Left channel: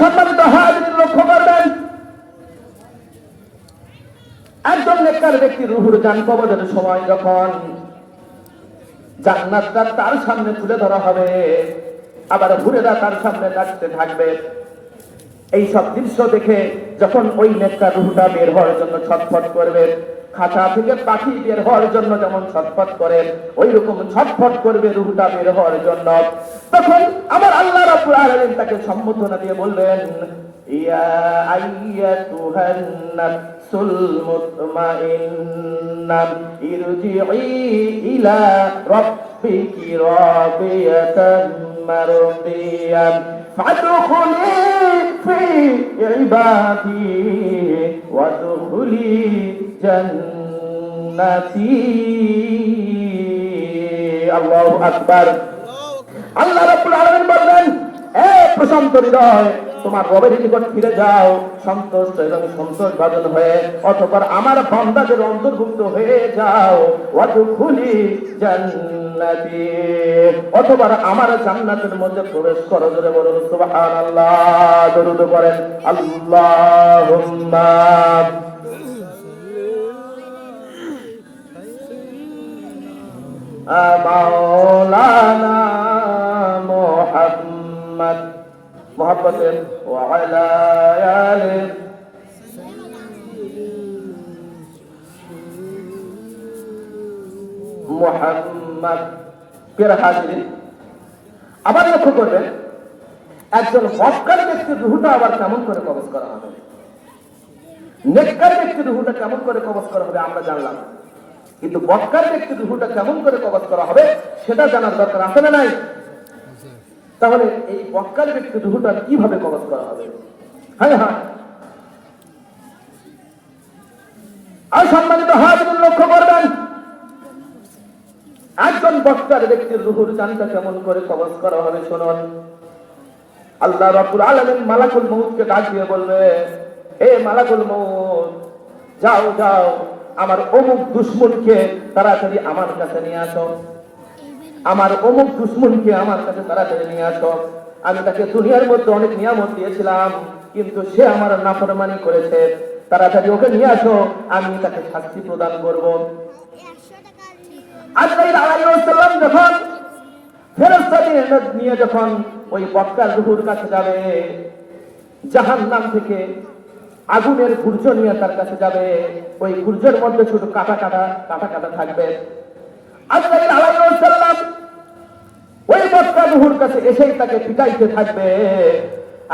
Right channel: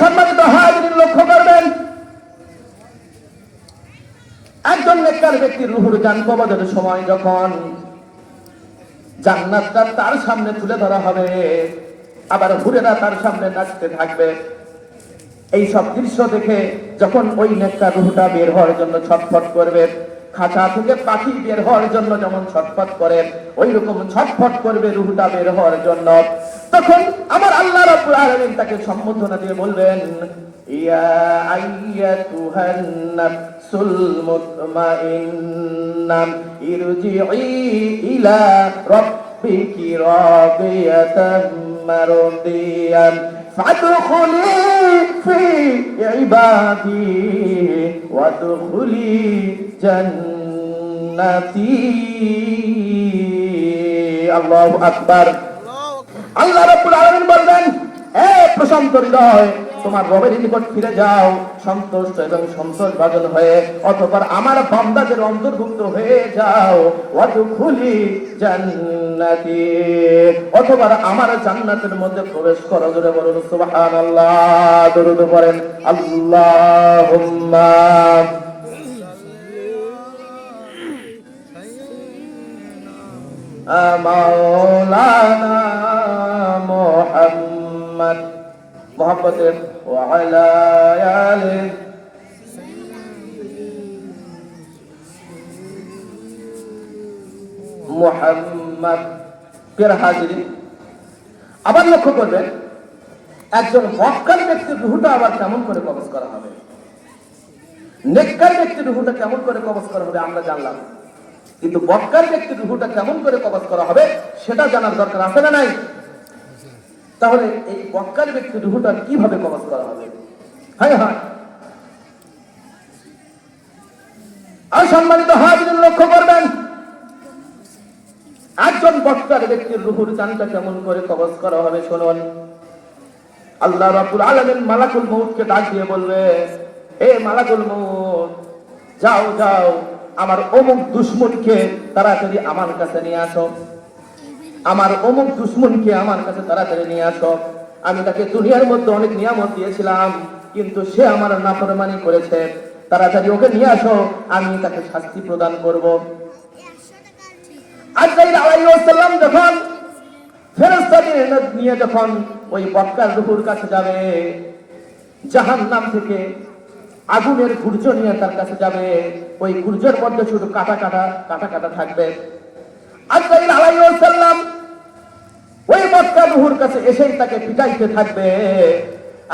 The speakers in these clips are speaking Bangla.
সম্মানিত হাজির লক্ষ্য করবেন, একজন নেককার ব্যক্তি রুহুর গান কবজের সময় যখন জান্নাতটা তার সামনে তুলে ধরা হবে, আবার হুরেরা তার সামনে নাচতে থাকবে এই সব দৃশ্য দেখে যখন ওই নেককার রুহুটা বের হওয়ার জন্য ছটফট করবে খাঁচা থেকে পাখি বের হওয়ার জন্য যেমন ছটফট করেন ওই রকম ছটফট করবে রুহুটা বের হওয়ার জন্য। তখন আমার আল্লাহ রাব্বুল আলামিন তাকে সম্বোধনা দিয়ে বলবেন ইয়া আইয়াতুহান নাফসুল মুতমাইন্না ইরজিই ইলা রাব্বিকি রাদিয়াতাম মারদিয়ান। فادخلي في عبادي وادخلي جنتي الله أكبر আল্লাহ রাব্বুল আলামিন বলবেন এ প্রশান্ত হৃদয় তোমার রবের নিকট ফিরে যাও সন্তুষ্ট এবং সন্তোষ ভাজন হয়ে অতঃপর আমার বান্দাদের অন্তর্ভুক্ত হয়ে যাও ওয়াদখুলি জান্নাতি অতঃপর আমার জান্নাতের মধ্যে প্রবেশ করো জোরে বলুন সুবহানাল্লাহ দরুদ পড়েন আল্লাহুম্মা مولانا محمد محبت وعلى آله মোহাম্মদ পের হাজিরি আবার লক্ষ্য করবেন, একজন হকার ব্যক্তির রুহুটা আবার কেমন করে কবজ করা হবে? নেককার ব্যক্তির রুহুটা কেমন করে কবজ করা হবে আমরা জানলাম। কিন্তু বক্কার ব্যক্তির রুহুটা কেমন করে কবজ করা হবে সেটা জানার দরকার আছে না নাই? তাহলে এই বক্কার ব্যক্তির রুহুটা কীভাবে কবজ করা হবে? হ্যাঁ হ্যাঁ। আর সম্মানিত হাজির লক্ষ্য করবেন বক্তার ব্যক্তির রুহুর চানটা কেমন করে কবজ করা হবে শুনুন। আল্লাহ রাব্বুল আলামিন মালাকুল মউতকে ডাক দিয়ে বলবে, এ মালাকুল মউত, যাও যাও, আমার অমুক দুশ্মনকে তাড়াতাড়ি আমার কাছে নিয়ে আসো। আমার অমুক দুশ্মনকে আমার কাছে তাড়াতাড়ি নিয়ে আসো। আমি তাকে দুনিয়ার মধ্যে অনেক নিয়ামত দিয়েছিলাম, কিন্তু সে আমার নাফরমানি করেছে। তাড়াতাড়ি ওকে নিয়ে আসো, আমি তাকে শাস্তি প্রদান করব। আজরাইল আলাইহিস সালাম যখন ফেরেশতাদের নিয়ে যখন ওই বক্কার রুহুর কাছে যাবে, জাহান্নাম থেকে আগুনের সূর্য নিয়ে তার কাছে যাবে, ওই সূর্যের মধ্যে শুধু কাটা কাটা কাটা কাটা থাকবে। আজরাইল আলাইহিস সালাম ওই বক্কা রুহুর কাছে এসেই তাকে পিটাইতে থাকবে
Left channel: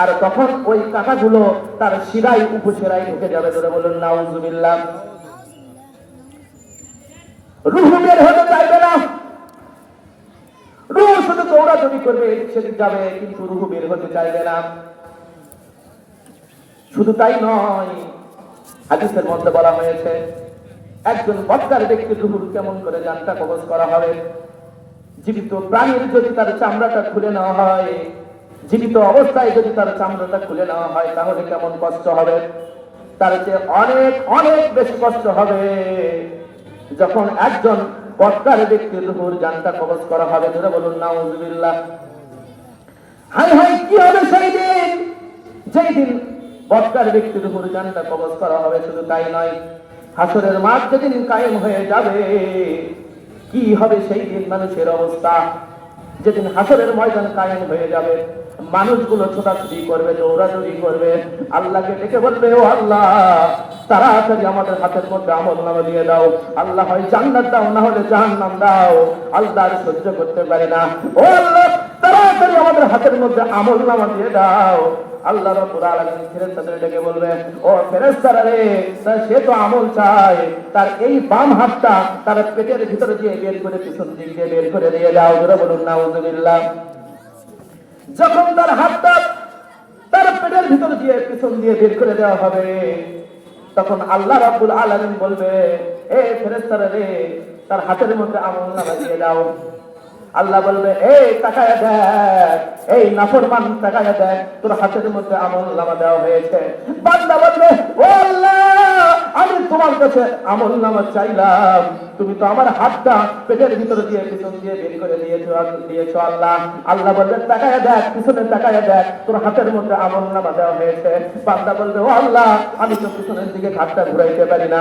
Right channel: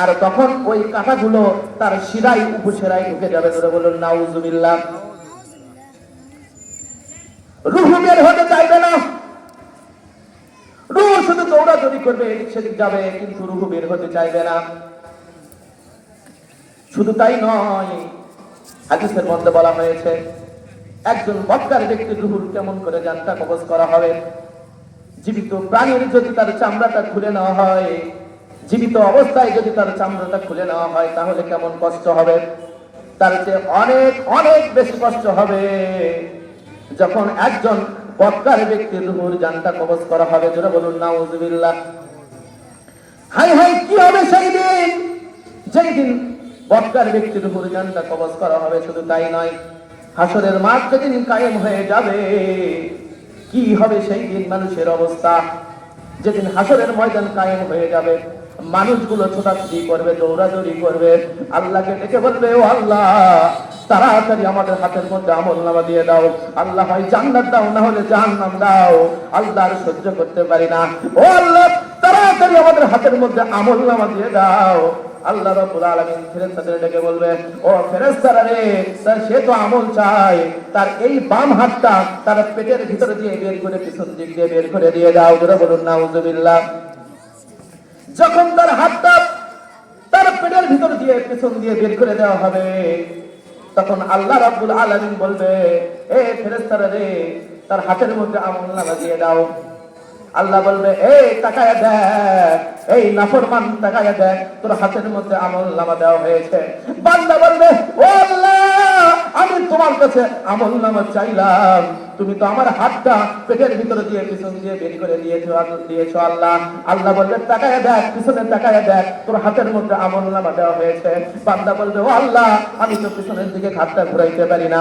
আর তখন ওই কাঁটাগুলো তার শিরাই উপশিরাই ঢুকে যাবে বলুন, নাউজুবিল্লাহ। রুহু বের হতে চাইবে না। রুহ শুধু দৌড়াদৌড়ি করবে, এদিক সেদিক যাবে, কিন্তু রুহু বের হতে চাইবে না। শুধু তাই নয়, হাদিসের মধ্যে বলা হয়েছে, একজন বক্কার ব্যক্তির রুহুর কেমন করে জানটা কবজ করা হবে? জীবিত প্রাণীর যদি তার চামড়াটা খুলে নেওয়া হয়, জীবিত অবস্থায় যদি তার চামড়াটা খুলে নেওয়া হয়, তাহলে কেমন কষ্ট হবে? তার যে অনেক অনেক বেশি কষ্ট হবে। যখন একজন বক্কার ব্যক্তির রুহুর জানটা কবজ করা হবে, জোরে বলুন, নাউজুবিল্লাহ। হাই হাই, কি হবে সেই দিন? যেই দিন বক্কার ব্যক্তির উপর জানটা কবজ করা হবে, শুধু তাই নয়, হাসরের মাঠ যেদিন কায়েম হয়ে যাবে, কি হবে সেই দিন? মানুষের অবস্থা, যেদিন হাসরের ময়দান কায়েম হয়ে যাবে, মানুষগুলো ছোটাছুটি করবে, দৌড়াদৌড়ি করবে, আল্লাহকে ডেকে বলবে, ও আল্লাহ তাড়াতাড়ি আমাদের হাতের মধ্যে আমল নামা দিয়ে দাও, আল্লাহ হয় জান্নাত দাও, না হলে জাহান্নাম দাও। আল্লাহ আর সহ্য করতে পারি না। ও আল্লাহ তাড়াতাড়ি আমাদের হাতের মধ্যে আমল নামা দিয়ে দাও, আল্লাহ রাব্বুল আলামিন ফেরেশতাদের ডেকে বলবে, ও ফেরেশতারা রে সে তো আমল চায়। তার এই বাম হাতটা তার পেটের ভিতরে দিয়ে বের করে, পিছন দিক দিয়ে বের করে দিয়ে দাও। ধরে বলুন, নাউজুবিল্লাহ। যখন তার হাতটা তার পেটের ভিতর দিয়ে পিছন দিয়ে বের করে দেওয়া হবে তখন আল্লাহ রাব্বুল আলামিন বলবে, এ ফেরেশতারা রে, তার হাতের মধ্যে আমল নামা দিয়ে দাও। আল্লাহ বলবে এই তাকায় দেখ, এই নাফরমান তাকায় দেখ, তোর হাতের মধ্যে আমল নামা দেওয়া হয়েছে। বান্দা বলবে ও আল্লাহ আমি তোমার কাছে আমল নামা চাইলাম। তুমি তো আমার হাতটা পেটের ভিতরে দিয়ে, পিছন দিয়ে বের করে নিয়েছো দিয়েছ আল্লাহ। আল্লাহ বলবে তাকায় দেখ, পিছনে তাকায় দেখ, তোর হাতের মধ্যে আমল নামা দেওয়া হয়েছে। বান্দা বলবে, ও আল্লাহ, আমি তো পিছনের দিকে হাতটা ঘুরাইতে পারি না।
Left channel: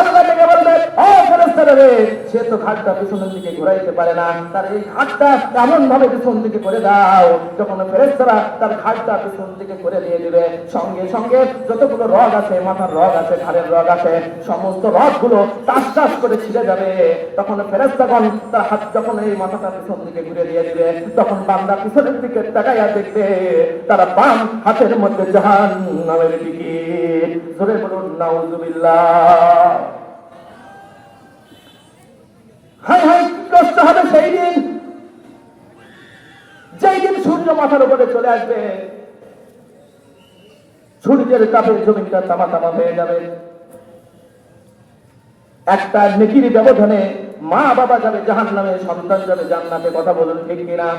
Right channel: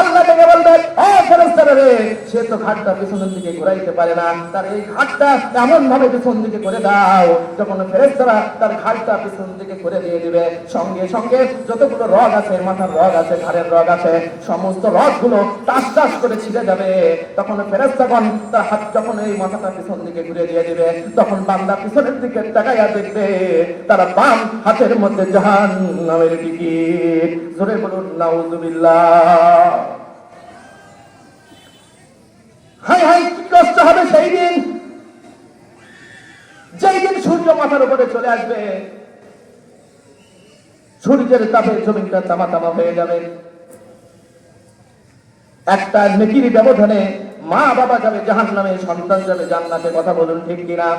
আল্লাহ ডেকে বলবে ও ফেরেস্তারা রে, সে তো ঘাটটা পিছনের দিকে ঘুরাইতে পারে না। তার এই ঘাটটা এমন ভাবে পিছন দিকে করে দাও, যখন ফেরেস্তারা তার ঘাটটা পিছন দিকে করে দিয়ে দিবে, সঙ্গে সঙ্গে যতগুলো রগ আছে, মাথার রগ আছে, ঘাড়ের রগ আছে, সমস্ত রগগুলো টাস টাস করে ছিঁড়ে যাবে। তখন ফেরেস্তাগণ তার হাত যখন এই মাথাটা পিছন দিকে ঘুরে দিয়ে দিবে, তখন বান্দা পিছনের দিকে তাকাইয়া দেখবে, তারা বাম হাতের মধ্যে জাহান নামের টিকিট। জোরে বলুন, নাউজুবিল্লাহ। মাথার উপরে চলে আসবে। সূর্যের তাপে জমিনটা তামা তামা হয়ে যাবে। একটা নেকির ব্যবধানে মা বাবা যাবে জাহান নামে সন্তান যাবে, জান্নাতে কথা বলুন ঠিক কিনা?